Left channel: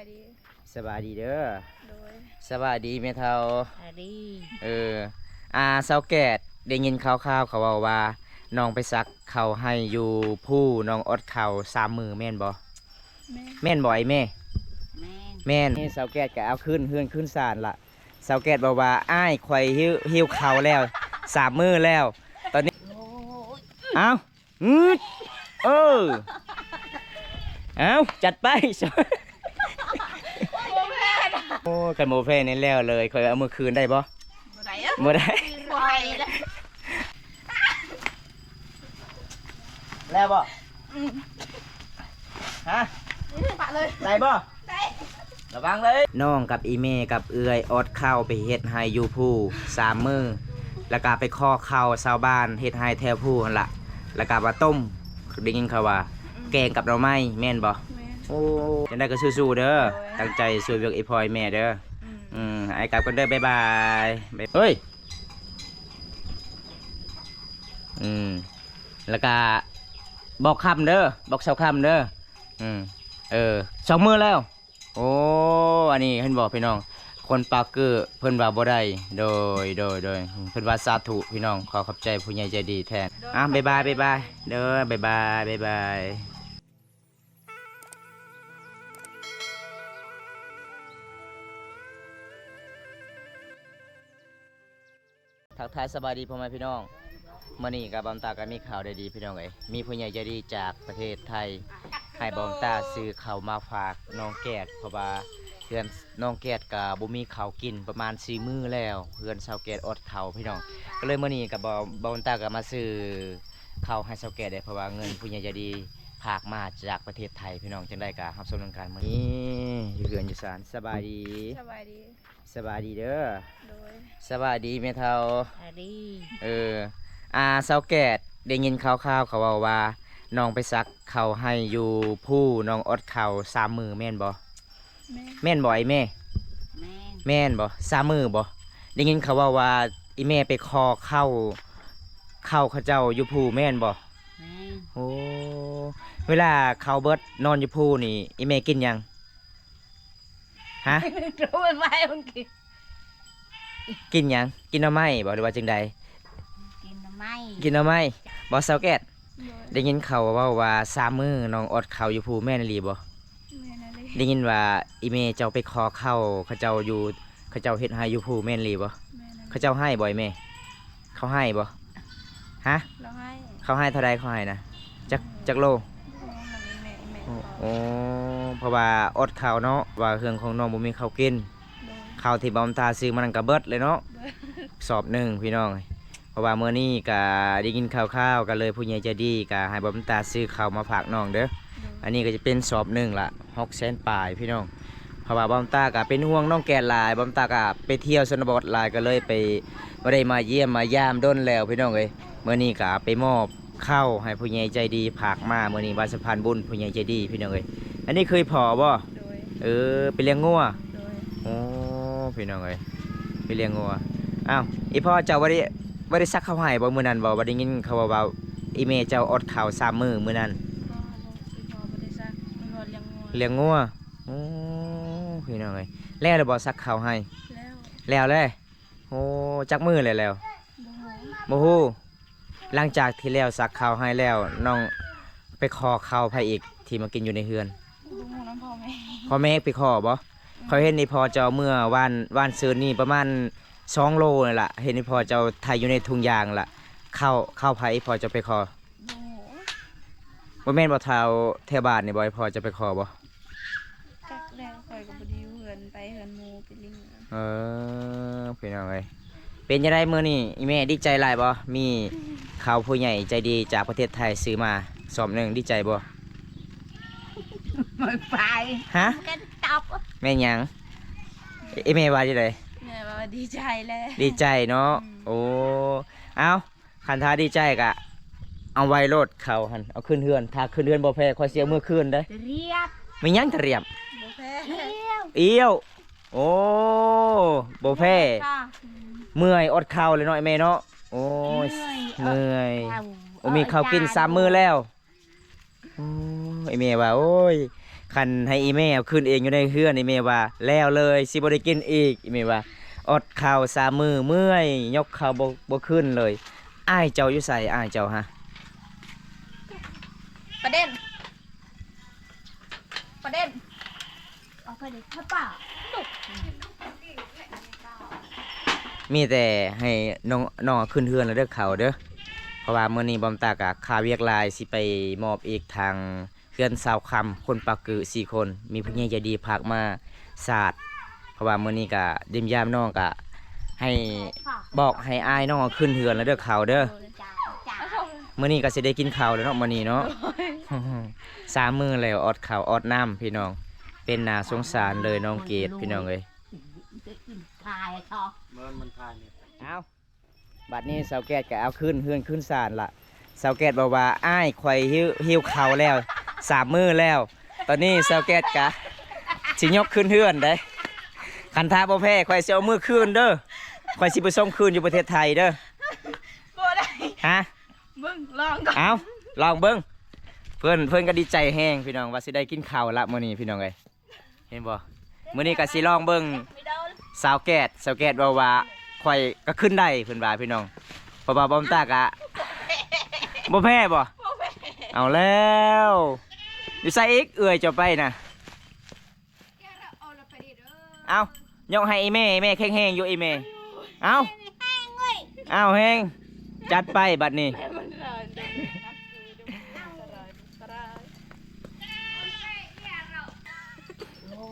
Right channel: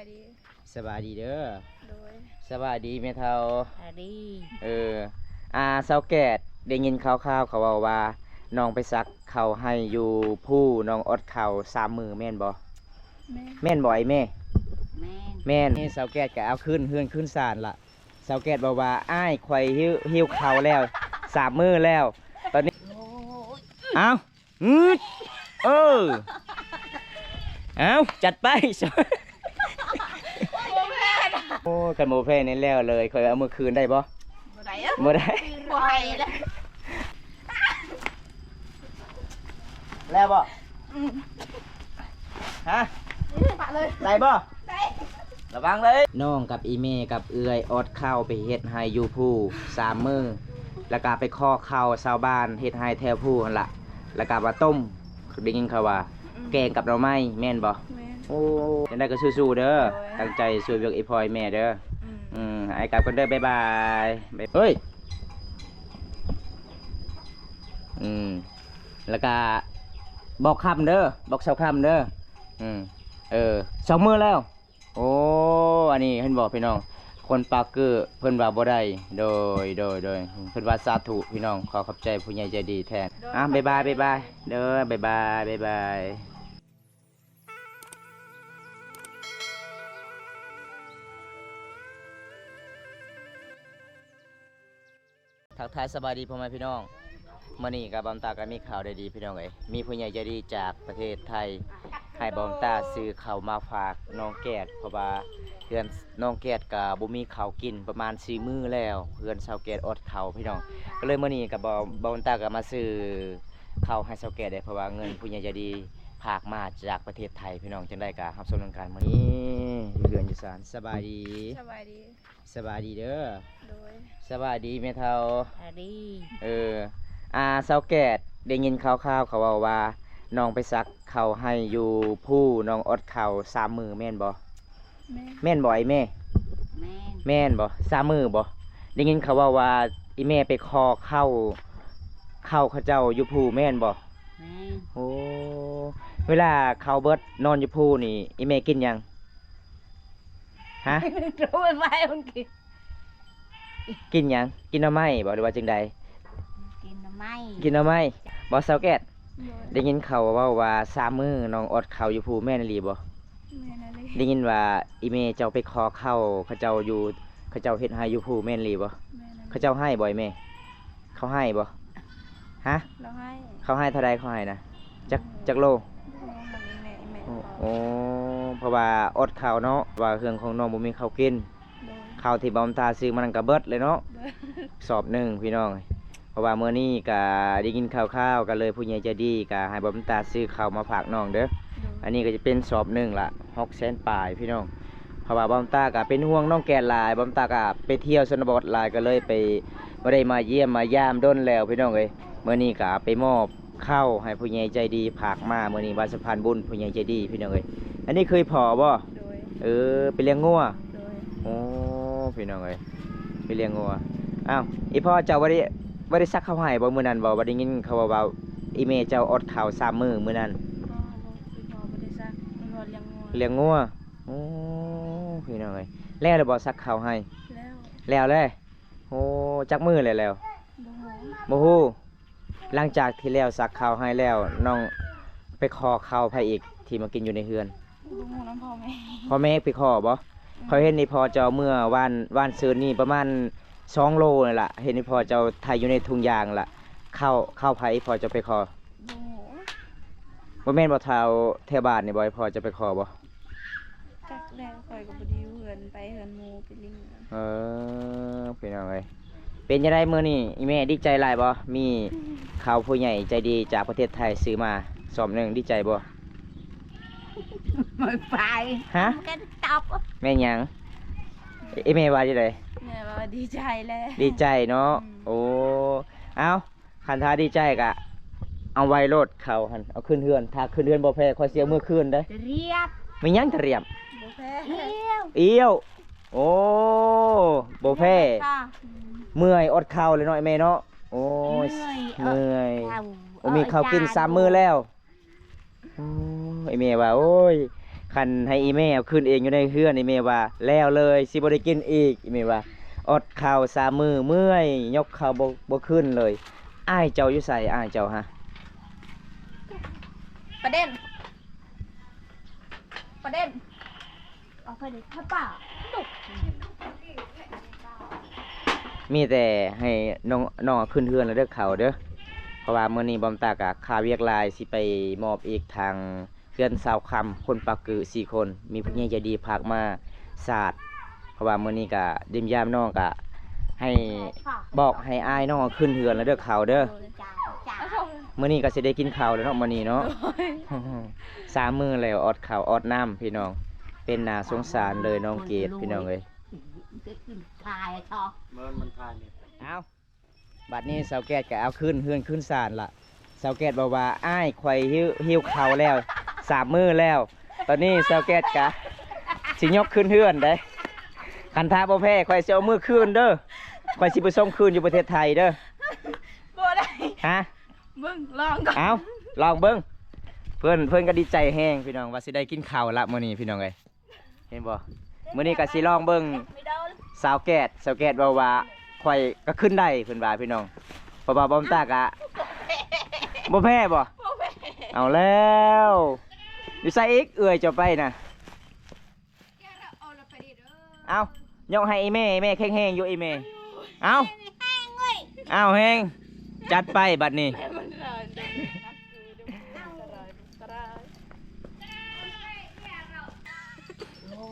ายดีสบายดีเด้อโดยสบายดีแม่เฒ่าสวัสดีเออเซาแกดได้ยินข่าวๆเขาเว้าว่าน้องไปซักเขาให้อยู่ผู้น้องอดเข่า3 มื้อแม่นบ่แม่แม่นบ่ไอ้แม่แม่นแม่นนี่เซาแกดก็เอาขึ้นเฮือนขึ้นศาลล่ะเซาแกดบอกว่าอ้ายข่อยหิวข้าวแล้ว3 มื้อแล้วตอนนี้โอ้ยเอาเออเอาจัดไป โอ้กันโมเฟ่นี่แล้วเลยเคยเอามือคืนได้บ่บ่ได้อะบ่ได้ ปล่อยแล้ว แล้วบ่ฮะ ปะเลย ได้บ่ได้ ระวังเลยน้องกับอีเมกับเอื้อยอดข้าวไปเฮ็ดให้อยู่ผู้3 มื้อแล้วก็ไปข้อข้าวชาวบ้านเฮ็ดให้แถวผู้หั่นล่ะแล้วก็มาต้มได้ยินเขาว่าแกงกับหน่อไม้แม่นบ่แม่โอ้จังได๋ก็สู้ๆเด้อตั้งใจช่วยเวียกอีพอยแม่เด้อไอ้กลับกันเด้อบ๊ายบายเฮ้ยแล้วก็บอกคำเด้อบอกเช้าคำเด้อ2 มื้อแล้วโอ้อันนี้เห็นบอกพี่น้องคนปากเกอร์เพิ่นว่าบ่ได้โดยเพิ่นว่าสาธุพี่น้องขอขอบใจผู้ใหญ่ใจดีแทนบ๊ายบายเด้อบ๊ายบายทักทายสบายดีพ่อแม่พี่น้องมื้อนี้กับบอมตาก็มีข่าวได้ดีพี่น้องเอ้ยมีผู้ใหญ่ใจดีจากประเทศไทยให้บอมตาซื้อข้าวมาฝากน้องแกดเพราะว่าเพื่อนน้องแกดก็บ่มีข้าวกินประมาณ4 มื้อแล้วเพื่อนชาวแกดอดข้าวพี่น้องก็เลยมื้อนี้กับบอมตาก็มาซื้อข้าวให้ชาวแกดได้เพราะว่าเงินผู้ใหญ่ใจดีฝากมาจากประเทศไทยพี่น้องจังได้ก็รับชมการมื้อนี้อยู่เรือนอยู่ศาลสบายดีสบายดีเด้อโดยสบายดีแม่เฒ่าสวัสดีเซาแกดได้ยินข่าวๆเขาเว้าว่าน้องไปซักเขาให้อยู่ผู้น้องอดเขา3 มื้อแม่นบ่แม่นบ่ไอ้แม่แม่นบ่3 มื้อบ่ได้ยินเขาว่าอีแม่ไปคอเข้าเขาเจ้าอยู่ผู้แม่นบ่แม่นโอ้เวลาเขาเบิดนอนอยู่ผู้นี่อีแม่กินหยังฮะ รู้ไหมมันกินหยังกินหน่อไม้บ่หรือว่าจังใดกินทำไมกินหน่อไม้บ่เซาแกดโดยได้ยินเขาว่า3 มื้อน้องอดข้าวอยู่ผู้แม่นอีหลีบ่แม่นั่นเลยได้ยินว่าอีเมเจ้าไปขอเข้าเขาเจ้าเฮ็ดให้อยู่ผู้แม่นอีหลีบ่แม่นั่นเขาเจ้าให้บ่อยแม่เขาให้บ่ฮะเราให้เขาให้เท่าใดเขาให้นะจักโลแม่โอ้เพราะว่าอดข้าวเนาะว่าเครื่องของน้องบ่มีข้าวกินโดยข้าวที่บอมตาซื้อมันก็เบิดเลยเนาะโดยสอบหนึ่งพี่น้องเพราะว่ามื้อนี้ก็ได้กินข้าวๆก็เลยผู้ใหญ่ใจดีก็ให้บอมตาซื้อข้าวมาฝากน้องเด้ออันนี้ก็จะเป็นสอบหนึ่งละ600,000 ปลายพี่น้องเพราะว่าบอมตาก็เป็นห่วงน้องแกนหลายบอมตาก็ไปเที่ยวชนบทหลายก็เลยไปบ่ได้มาเยี่ยมมายามด้นแล้วพี่น้องเอ้ยมื้อนี้ก็ไปมอบข้าวให้ผู้ใหญ่ใจดีฝากมามื้อนี้วันสะพานบุญผู้ใหญ่ใจดีพี่น้องเอ้ยอันนี้เคยพอบ่โดยไปเลี้ยงงัวโดยโอ้พี่น้องเอ้ยไปเลี้ยงงัวอ้าวอีพ่อเจ้าบ่ได้ซักข้าวให้บ่มื้อนั้นบ่ได้ยินเขาว่าอีเมเจ้าอดข้าว3 มื้อมื้อนั้นก็บ่ได้ซักมันบ่เลี้ยงงัวเลี้ยงงัวโอ้พี่น้องเอ้ยแล้วบ่ซักข้าวให้แล้วเลยโอ้จักมื้อแล้ว บ่ฮู้บ่ฮู้หลังจากที่แล้วซักข้าวให้แล้วน้องไปขอข้าวไผอีกที่มากินอยู่ในเฮือนบ่ฮู้น้ำพ่อแม่ไปขอบ่เขาเห็นนี่พอเจ้าเมื่อวานซืนนี่ประมาณ2 โลนี่ล่ะเห็นนี่พอเจ้าไทยอยู่ในถุงยางล่ะข้าวไผพอจะไปขอบ่ฮู้บ่แม่นบ่เฒ่าแถวบ้านนี่บ่พอจะไปขอบ่จักแล้วข่อยก็บ่ได้อยู่เฮือนไปเฮือนหมู่ไปลิงพี่น้องเอ้ยเป็นจังได๋มื้อนี้อีแม่ดีใจหลายบ่มีข่าวผู้ใหญ่ใจดีจากประเทศไทยซื้อมาสอบหนึ่งดีใจบ่ไม่ไปฮะกันตบแม่หยังอีแม่ว่าจังได๋แม่ว่าดีใจแล้วดีใจเนาะโอ้เอ้าคันท้าดีใจก็เอาไว้โลดเขาหั่นเอาขึ้นเฮือนถ้าขึ้นเฮือนบ่แพ้ค่อยเสียมื้อคืนเด้เรียบไม่หยังจะเรียบบ่แพ้ เอี้ยวโอ้บ่แพ้เมื่อยอดข้าวเลยเนาะไอ้แม่เนาะโอ้ยเมื่อยมีข้าวกิน3 มื้อแล้วไอ้แม่ว่าโอ้ย คันให้อีเมเอาขึ้นเองอยู่ในเฮือนอีเมว่าแล้วเลยสิบ่ได้กินอีกอีเมว่าอดข้าว3 มื้อเมื่อยยกข้าวบ่ขึ้นเลยอ้ายเจ้าอยู่ไสอ้ายเจ้าฮะ ประเด็นเอาไปเลยถ้าป่า มีแต่ให้น้องขึ้นเฮือนแล้วเด้อเขาเด้อเพราะว่ามื้อนี้บอมตากะค่าเวียกลายสิไปมอบอีกทางเฮือนสาวคำคนปากกือ4 คนมีผู้ใหญ่ใจดีพากมาศาสตร์เพราะว่ามื้อนี้ก็ดิมยามน้องก็ให้บอกให้อ้ายน้องขึ้นเฮือนแล้วเด้อเขาเด้อ จ้าจ้า มื้อนี้ก็สิได้กินข้าวแล้วเนาะมื้อนี้เนาะ 3 มื้อแล้วอดข้าวอดน้ำพี่น้องเป็นน่าสงสารเลยน้องเกดพี่น้องเอ้ย จะกินทายชอ มันคานเนี่ย เอาบัดนี้สาวแก้ดก็เอาขึ้นเฮือนขึ้นศาลละสาวแก้ดบอกว่าอ้ายข่อยหิวข้าวแล้ว3 มื้อแล้ว ตอนนี้สาวแก้ดก็สิยกขึ้นเฮือนได้คันท้าบ่แพ้ข่อยสิเอามื้อคืนเด้อข่อยสิไปส่งคืนอยู่ประเทศไทยเด้อ บ่ได้ ฮะ มึงลองก่อน เอาลองเบิ่งเพิ่นก็ดีใจแฮงพี่น้องว่าสิได้กินข้าวละมื้อนี้พี่น้องเอ้ยเห็นบ่มื้อนี้ก็สิลองเบิ่ง ไม่โดน สาวแก้ดบอกว่าข่อยก็ขึ้นได้เพิ่นว่าพี่น้องเพราะว่าบอมตากะบ่แพ้บ่ บ่แม่ เอาแล้วอยู่ใส่อีกเอื้อยจะไปน่ะเอายกให้อีแม่แข็งๆอยู่อีแม่เอาเอาแฮงจัดไปบัดนี้ แม่มันร้อนจังนะคือดูมันร้อนร้อน โอ้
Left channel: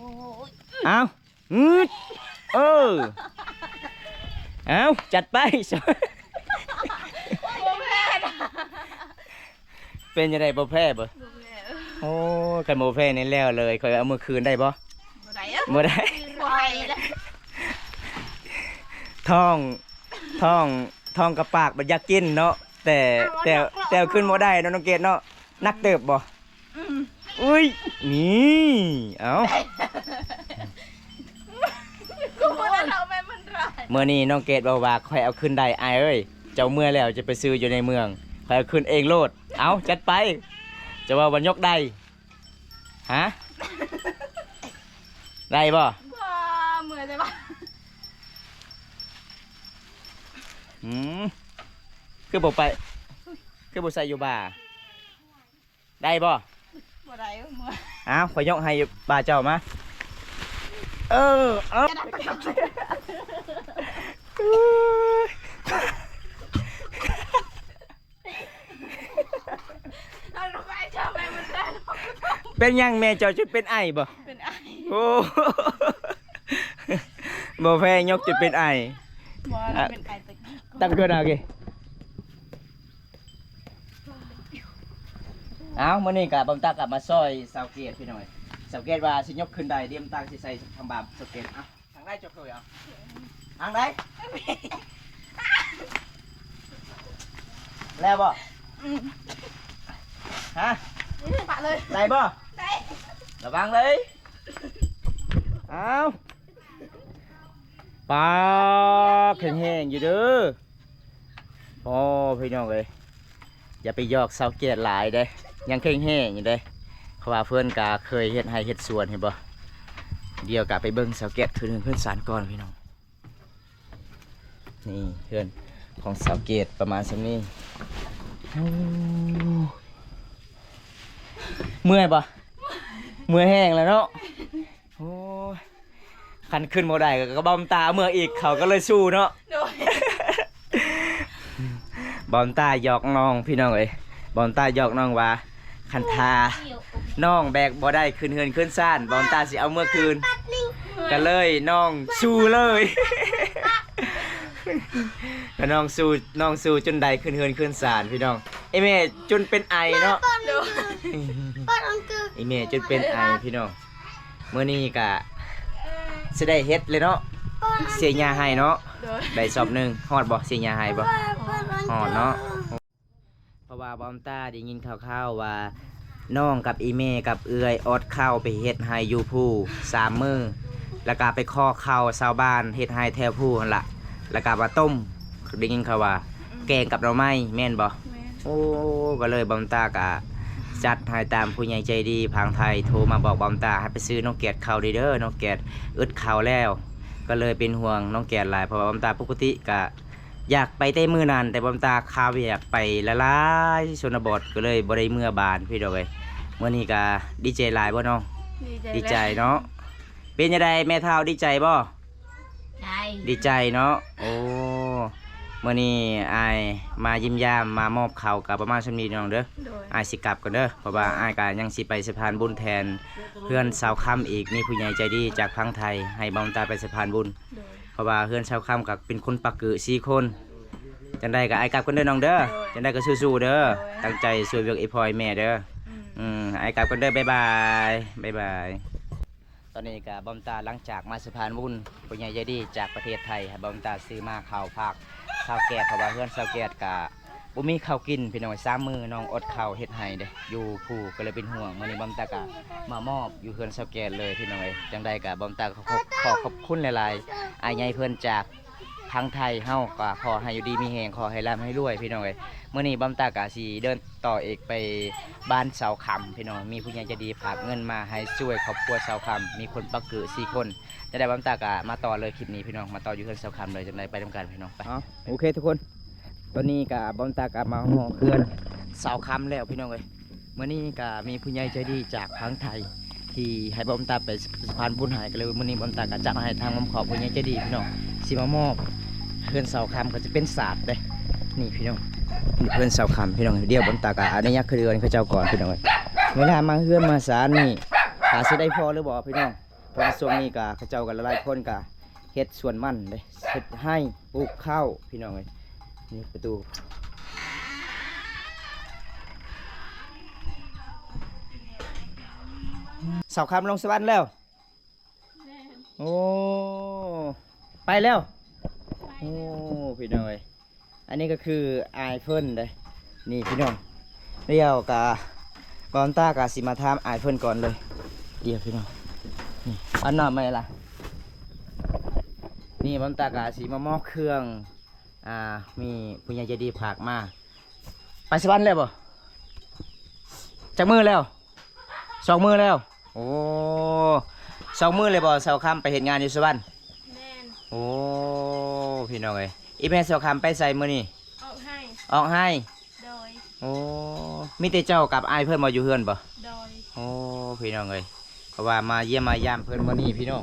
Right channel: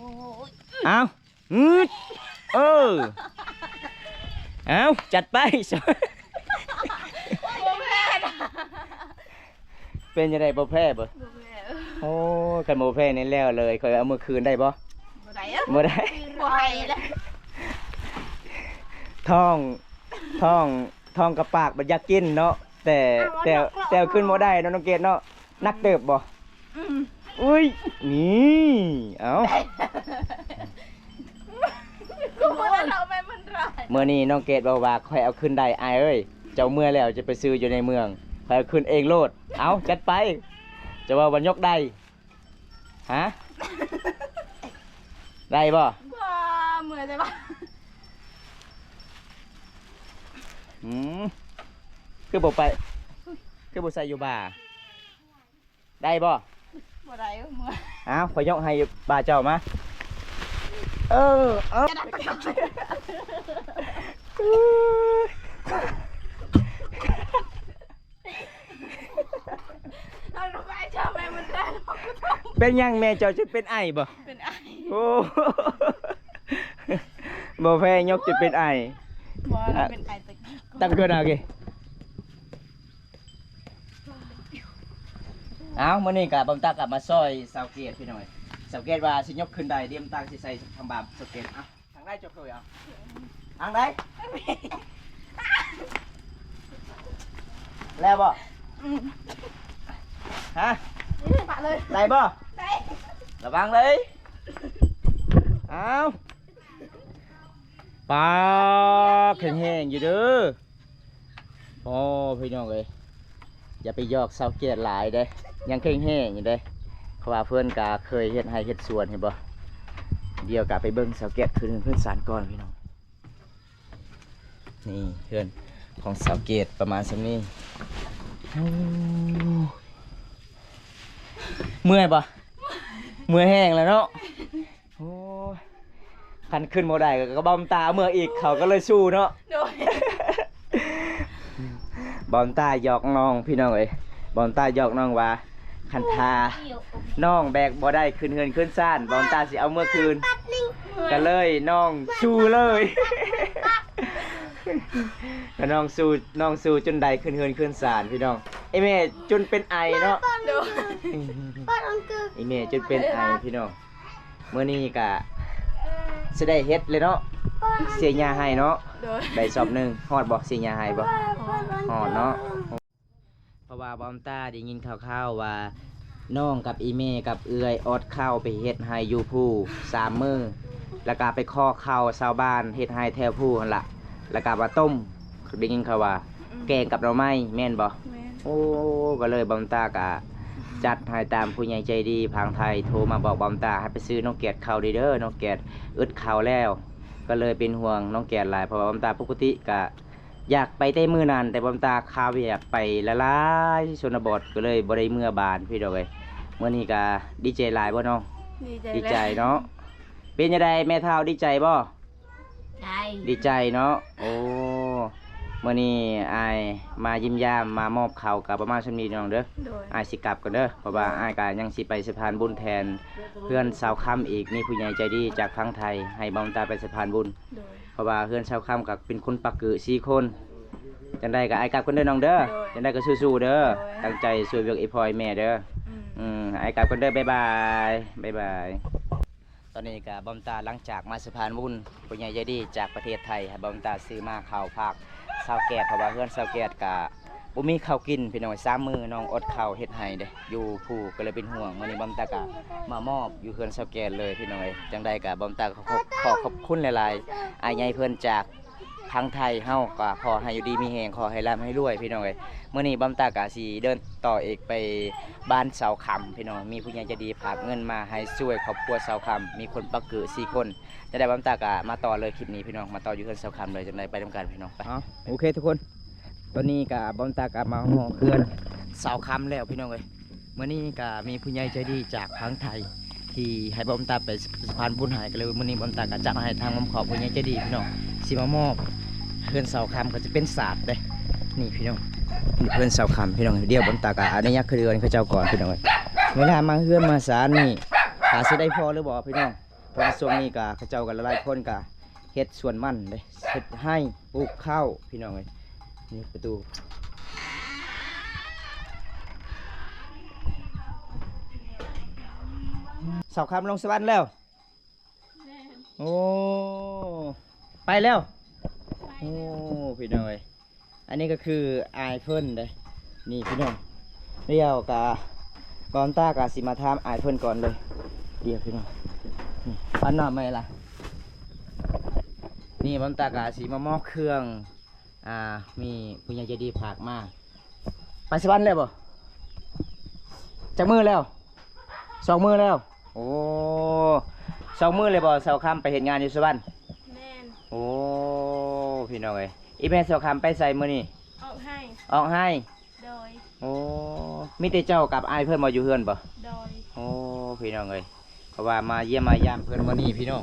ย เอาเออเอาจัดไป บ่แม่นะ เป็นยังไงบ่แพ้บ่ บ่แม่ โอ้กันบ่แพ้นี่แล้วเลยข่อยเอามือคืนได้บ่ บ่ได้อะ บ่ได้ บ่ให้แล้ว ท้องกับปากมันอยากกินเนาะแต่เอาขึ้นบ่ได้เนาะน้องเกดเนาะนักเติบบ่อุ้ยนี่เอ้า กูบ่ได้เอาแม่มันร้อน เมื่อนี้น้องเกดบอกว่าค่อยเอาขึ้นได้อายเอ้ยเจ้าเมื่อแล้วจะไปซื้ออยู่ในเมืองค่อยเอาขึ้นเองโลดเอาจัดไปจะว่าวันยกได้ฮะได้บ่ บ่เมื่อยได้ปะ อืมคือบ่ไปคือบ่ใส่อยู่บ่าได้บ่ บ่ได้เมื่อย อ้าวขอยยกให้บ่าเจ้ามาเออเอา เอาลงไปเจ้าแม่มันได้หรอก เป็นยังแม่เจ้าจะเป็นไอบ่ เป็นไอ้ โอ้บ่แพ้ยกจะเป็นไอ บ่เราเป็นไอ้ตะกี้ ตั้งเกินเอาเกเอามื้อนี้ก็บำตากลับมาซอยสาวเกตพี่หน่อยสาวเกตว่าสิยกขึ้นได้เตรียมตังสิใส่ทางบาปสาวเกตเอาทางได้จบเลยเอาทางได้แล้วบ่ฮะ ปะเลย ได้บ่ ได้ ระวังเลยเอาปลาแข็งๆอยู่เด้อโอ้พี่น้องเอ้ยอย่าไปยอกสาวเกตหลายเด้ยังแข็งๆอยู่เด้เพราะว่าเพื่อนกาเคยเฮ็ดให้เฮ็ดสวนเห็นบ่เดี๋ยวกาไปเบิ่งสาวเกตเพื่อนสารก่อนพี่น้องนี่เพื่อนของสาวเกตประมาณสักนี้โอ้เมื่อยปะเมื่อยแห้งแล้วเนาะโอ้ยคันขึ้นบ่ได้ก็บอมตาเมื่อยอีกเขาก็เลยสู้เนาะ โดย บอมตาหยอกน้องพี่น้องเอ้ยบอมตาหยอกน้องว่าคันทาน้องแบกบ่ได้ขึ้นเฮือนขึ้นซ่านบอมตาสิเอาเมื่อคืนก็เลยน้องสู้เลย ก็น้องสู้จนได้ขึ้นเฮือนขึ้นซ่านพี่น้องไอแม่จนเป็นไอเนาะ โดย ไอแม่จนเป็นไอพี่น้องเมื่อนี้ก็สิได้เฮ็ดเลยเนาะเสียยาให้เนาะ โดย ได้สอบหนึงฮอดบ่เสียยาให้บ่ฮอดเนาะเพราะว่าบอมตาได้ยินข่าวๆว่าน้องกับอีเมกับเอื้อยอดข้าวไปเฮ็ดให้อยู่ผู้3 มื้อแล้วก็ไปขอข้าวชาวบ้านเฮ็ดให้แถวผู้หั่นล่ะแล้วก็มาต้มได้ยินข่าวว่าแกงกับหน่อไม้แม่นบ่ แม่ โอ้ก็เลยบอมตากะ จัดให้ตามผู้ใหญ่ใจดีพังไทยโทรมาบอกบอมตาให้ไปซื้อน้องแกดข้าวเด้อน้องแกดอึดข้าวแล้วก็เลยเป็นห่วงน้องแกดหลายเพราะว่าบอมตาปกติก็อยากไปแต่มือนั้นแต่บอมตาข้าวอยากไปละลายชนบทก็เลยบ่ได้เมื่อบานพี่ดอกเอ้ยมื้อนี้ก็ดีใจหลายบ่น้องดีใจเนาะเป็นจังไดแม่เฒ่าดีใจบ่ ใช่ ดีใจเนาะโอ้มื้อนี้อายมายิ้มยามมามอบข้าวกับประมาณชั่วนี้น้องเด้อ โดย อายสิกลับก่อนเด้อเพราะว่าอายก็ยังสิไปสะพานบุญแทนเพื่อนสาวค่ำอีกมีผู้ใหญ่ใจดีจากทางไทยให้บอมตาไปสะพานบุญ โดย เพราะว่าเพื่อนสาวค่ำกับเป็นคนปักกือ4คนจังได้ก็อายกลับก่อนเด้อน้องเด้อจังได้ก็สู้ๆเด้อตั้งใจช่วยเวียกอีพลอยแม่เด้อ อืม อายกลับก่อนเด้อบ๊ายบายบ๊ายบายตอนนี้ก็บอมตาหลังจากมาสะพานบุญผู้ใหญ่ใจดีจากประเทศไทยให้บอมตาซื้อมาข้าวผักข้าวแกะเพราะว่าเพื่อนข้าวแกะก็บ่มีข้าวกินพี่น้อง3มื้อน้องอดข้าวเฮ็ดให้เด้อยู่ผู้ก็เลยเป็นห่วงมื้อนี้บอมตาก็มามอบอยู่เพื่อนข้าวแกะเลยพี่น้องเอ้ยจังใดก็บอมตาขอขอบคุณหลายๆอายใหญ่เพิ่นจากทางไทยเฮาก็ขอให้อยู่ดีมีแรงขอให้ร่ำให้รวยพี่น้องเอ้ยมื้อนี้บอมตาก็สิเดินต่ออีกไปบ้านเสาคำพี่น้องมีผู้ใหญ่ใจดีฝากเงินมาให้ช่วยครอบครัวเสาคำมีคนปักเกือ4คนจะได้บอมตาก็มาต่อเลยคลิปนี้พี่น้องมาต่ออยู่เพื่อนเสาคำเลยจังใดไปทำการพี่น้องไปโอเคทุกคนตอนนี้ก็บอมตาก็มาห่อเคลื่อนเสาคำแล้วพี่น้องเอ้ยมื้อนี้ก็มีผู้ใหญ่ใจดีจากทางไทยที่ให้บอมตาไปสะพานบุญหายกันเลยมื้อนี้บอมตาก็จัดให้ทางมอมขอผู้ใหญ่ใจดีพี่น้องสิมามอบเพื่อนเสาคำก็จะเป็นศาสตร์เลยนี่พี่น้องนี่เพื่อนเสาคำพี่น้องเดียวบอมตาก็อันนี้ยักษ์คือเดือนเขาเจ้าก่อนพี่น้องเอ้ยเวลามาเฮือนมาศาลนี่หาสิได้พอหรือบ่พี่น้องเพราะว่าช่วงนี้ก็เขาเจ้ากันหลายคนก็เฮ็ดสวนมันเลยเฮ็ดให้ปลูกข้าวพี่น้องเอ้ยนี่ประตูเสาคำลงสวรรค์แล้วโอ้ไปแล้วโอ้พี่น้องเอ้ยอันนี้ก็คืออายเพิ่นเลยนี่พี่น้องเรียวกะบอมตากะสิมาทำอายเพิ่นก่อนเลยเดี๋ยวพี่น้องนี่อันน่ะไม่ล่ะนี่บอมตากะสิมามอบเครื่องมีผู้ใหญ่ใจดีฝากมาไปสวรรค์แล้วบ่จักมือแล้ว2 มื้อแล้วโอ้2 มื้อเลยบ่เสาคำไปเฮ็ดงานอยู่สวรรค์ แม่น โอ้พี่น้องเอ้ยอีแม่เสาคำไปใส่มื้อนี่ ออกให้ ออกให้ โดย โอ้มีแต่เจ้ากับอายเพื่อนมาอยู่เฮือนบ่ โดย โอ้พี่น้องเอ้ยเพราะว่ามาเยี่ยมมายามเพื่อนมื้อนี้พี่น้อง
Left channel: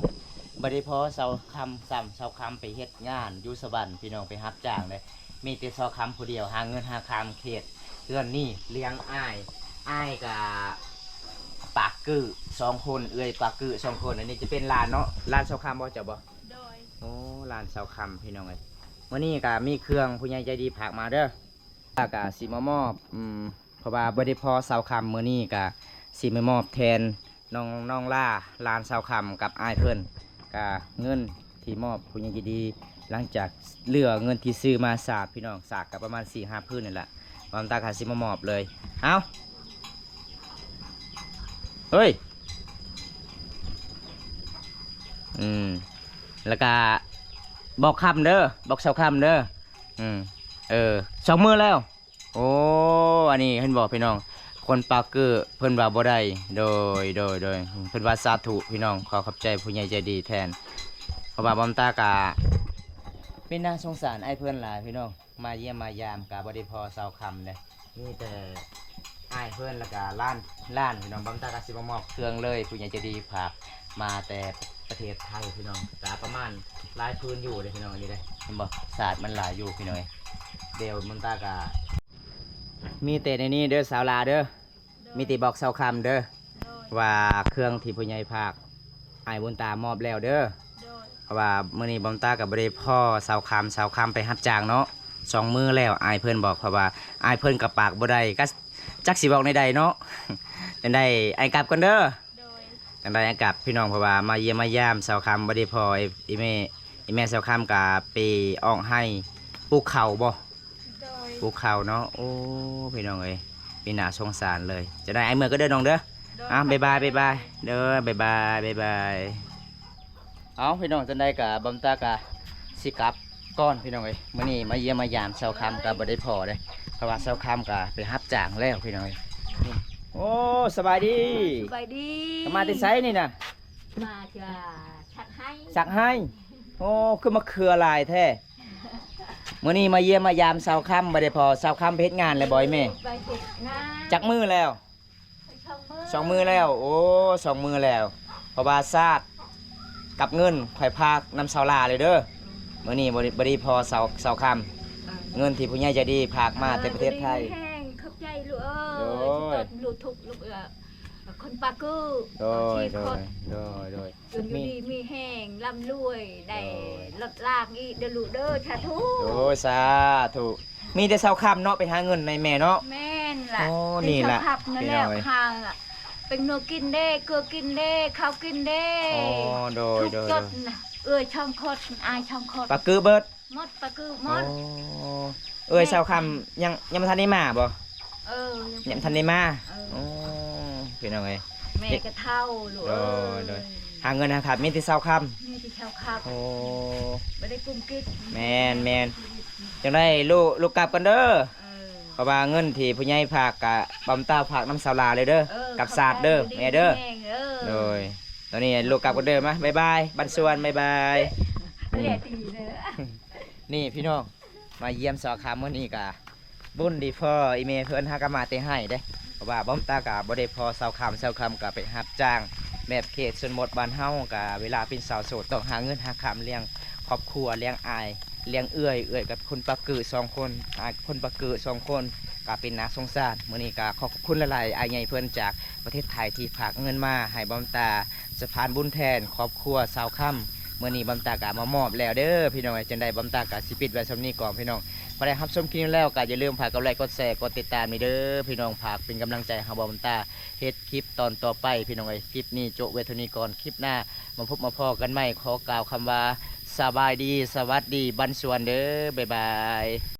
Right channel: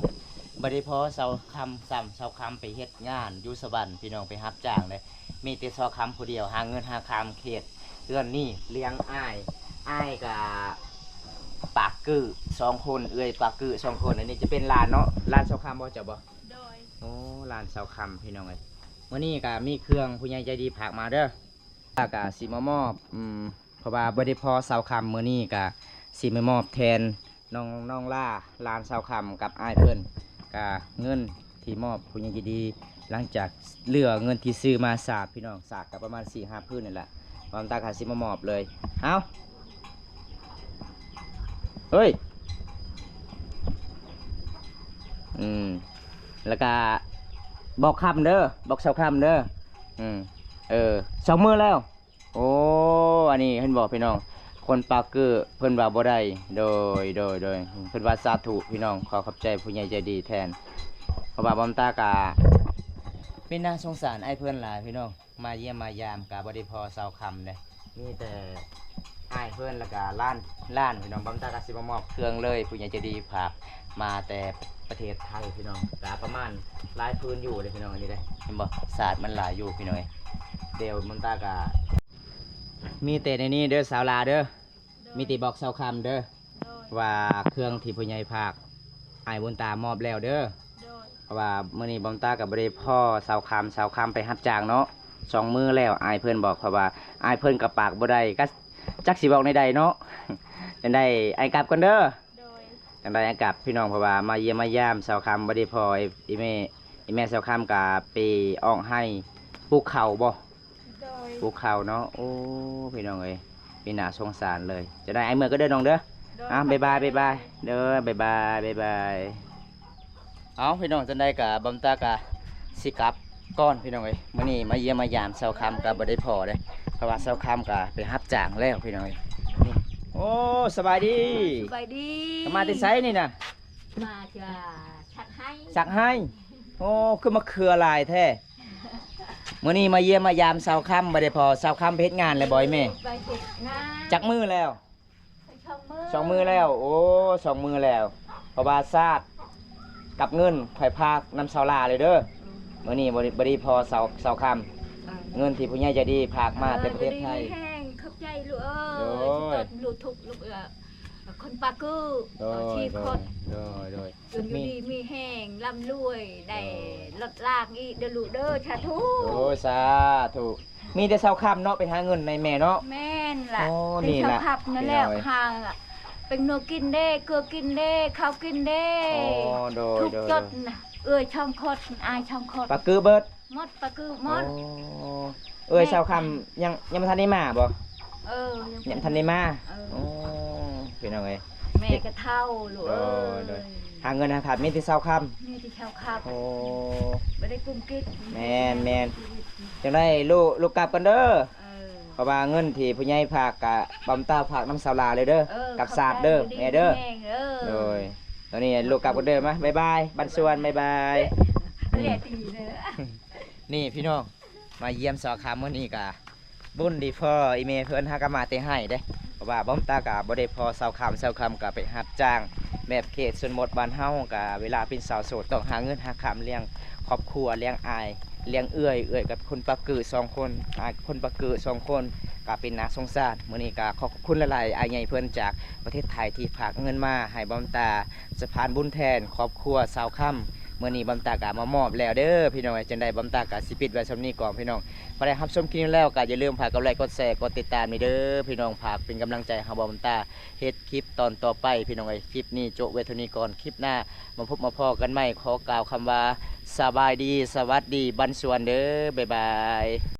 บ่ได้พอเสาคำซ้ำเสาคำไปเฮ็ดงานอยู่สวรรค์พี่น้องไปรับจ้างเลยมีแต่เสาคำผู้เดียวหาเงินหาคำเขตเฮือนนี่เลี้ยงอ้ายกับปากกือ2 คนเอ้ยปากกือ2 คนอันนี้จะเป็นลานเนาะลานเสาคำบ่เจ้าบ่ โดย โอ้ลานเสาคำพี่น้องเอ้ยมื้อนี้ก็มีเครื่องผู้ใหญ่ใจดีฝากมาเด้อก็สิมามอบเพราะว่าบ่ได้พอเสาคำมื้อนี้ก็สิมามอบแทนน้องล่าลานเสาคำกับอ้ายเพิ่นก็เงินที่มอบผู้ใหญ่ใจดีหลังจากเหลือเงินที่ซื้อมาสากพี่น้องสากกับประมาณ 4-5 พื้นนี่แหละความตาก็สิมามอบเลยเอ้าเฮ้ยแล้วก็บอกคำเด้อบอกเสาคำเด้อ2 มื้อแล้วโอ้อันนี้เห็นบอกพี่น้องคนปากเกอร์เพิ่นว่าบ่ได้โดยเพิ่นว่าสาธุพี่น้องขอขอบใจผู้ใหญ่ใจดีแทนเพราะว่าบอมตากาเป็นน่าสงสารไอ้เพิ่นหลายพี่น้องมาเยี่ยมมายามกะบ่ได้พอเสาคำเลยมีแต่ไอ้เพิ่นแล้วก็ล้านพี่น้องบอมตากาสิมามอบเครื่องเลยผู้ใหญ่ใจดีฝากมาแต่ประเทศไทยพี่น้องกะประมาณหลายพื้นอยู่เลยพี่น้องอันนี้เลยเห็นบ่ศาสตร์มันหลายอยู่พี่น้องเดี๋ยวบอมตากามีแต่ในนี้เด้อสาวลาเด้อมีแต่บอกเสาคำเด้อ โดย ว่าเครื่องที่ผู้ใหญ่ภาคอ้ายบุญตามอบแล้วเด้อ โดย เพราะว่ามื้อนี้บอมตากับ่ได้พ่อเสาคำไปรับจ้างเนาะ2 มื้อแล้วอ้ายเพิ่นบอกเพราะว่าอ้ายเพิ่นกับปากบ่ได้ก็จักสิบอกในใดเนาะ จังได้อ้ายกลับก่อนเด้อ โดย จังได้อ้ายกลับพี่น้องเพราะว่ามาเยี่ยมมายามเสาคำบ่ได้พ่ออีแม่เสาคำก็ไปออกให้ปลูกข้าวบ่ โดย ปลูกข้าวเนาะโอ้พี่น้องเอ้ยมีน่าสงสารเลยจะได้อ้ายเมื่อก็เด้อน้องเด้อ โดย บ๊ายบายเด้อบ๊ายบายเอาพี่น้องจังได้กับบอมตากะสิกลับก้อนพี่น้องเอ้ยมื้อนี้มาเยี่ยมมายามเสาคำกับบ่ได้พอเด้เพราะว่าเสาคำกะไปรับจ้างแล้วพี่น้องเอ้ยนี่ โอ้สบายดี สบายดี ก็มาที่ไซนี่น่ะ มาจะชักให้ สักให้โอ้คือมาเครือลายแท้มื้อนี้มาเยี่ยมมายามสาวค่ำบ่ได้พอสาวค่ำไปเฮ็ดงานเลยบ่อยแม่ ไปเก็บงาน จักมือแล้ว ไปช่องมือ สองมือแล้ว โอ้สองมือแล้วเพราะว่าซาดกับเงินข่อยพากนำสาวลาเลยเด้อมื้อนี้บ่ได้พอสาวค่ำเงินที่ผู้ใหญ่ใจดีพากมาแต่ประเทศไทย แห้งเข้าใจลูก โดย เกิดลูกทุกข์ลูกคนปากือ โดย ชี โด ค ย น โดยโดย จนอยู่ดีมีแห้งร่ำรวยได้ลดลากอีเดอลูกเด้อชาทุ โอ้สาธุมีแต่สาวค่ำเนาะไปหาเงินในแม่เนาะ แม่นล่ะ โอ้ เป็ นี่ ชาว ล่ะ ขับนั่นแหละ พี่น้อย หางอะเป็นนัวกินเด้เกลือกินเด้ข้าวกินเด้ อ๋อโดย ทุก โดย จดน่ะเอ้ยช่องคดอายช่องคด ปลากือเบิด มดปลากือมด โอ้เอ้ยสาวค่ำยังบ่ทันได้มาบ่ เออ ยังบ่ทันได้มา เออ โอ้พี่น้องเอ้ย แม่ก็เท่าลูกเอ้ โดย ย หาเงินหาขาดมีแต่สาวค่ำ นี่ที่ชาวขับ โอ้ ไม่ได้กุ้มกิ๊ด แม่น จังได้ลูกกลับกันเด้อ เออ เพราะว่าเงินที่ผู้ใหญ่ฝากกะบำตาฝากน้ำสาวลาเลยเด้อ เออ กับศาสตร์เด้อ ขบใจ แม่เด้อ แม่เออ โดยตอนนี้ลูกกลับกันเด้อมาบ๊ายบายบันสวนบ๊ายบาย เรียกตีเลย นี่พี่น้องมาเยี่ยมสอคามมื้อนี้กะบุญดีพ่ออีเมเพิ่นหากะมาแต่ให้เด้เพราะว่าบ่มตากะบ่ได้พอเซาคำกะไปรับจ้างแบบเขตชนบทบ้านเฮากะเวลาเป็นสาวโสดต้องหาเงินหาคำเลี้ยงครอบครัวเลี้ยงอายเลี้ยงเอื้อยกับคนปากกือ2คนอายคนปากกือ2คนก็เป็นนาสงสารมื้อนี้ก็ขอบคุณหลายๆอายใหญ่เพิ่นจากประเทศไทยที่ฝากเงินมาให้บ่มตาสะพานบุญแทนครอบครัวสาวค่ำ มื่อนี้บำตากะมามอบแล้วเด้อพี่น้องจังได้บำตากะสิปิดไว้สำนี้ก่อนพี่น้องพอได้รับชมคลิปนี้แล้วก็อย่าลืมฝากกดไลค์กดแชร์กดติดตามนี่เด้อพี่น้องฝากเป็นกำลังใจให้บำตาเฮ็ดคลิปตอนต่อไปพี่น้องไอ้ยคลิปนี้โจบไว้เท่านี้ก่อนคลิปหน้ามาพบมาพอกันใหม่ขอกล่าวคำว่าสบายดีสวัสดีบันสวนเด้อบ๊ายบาย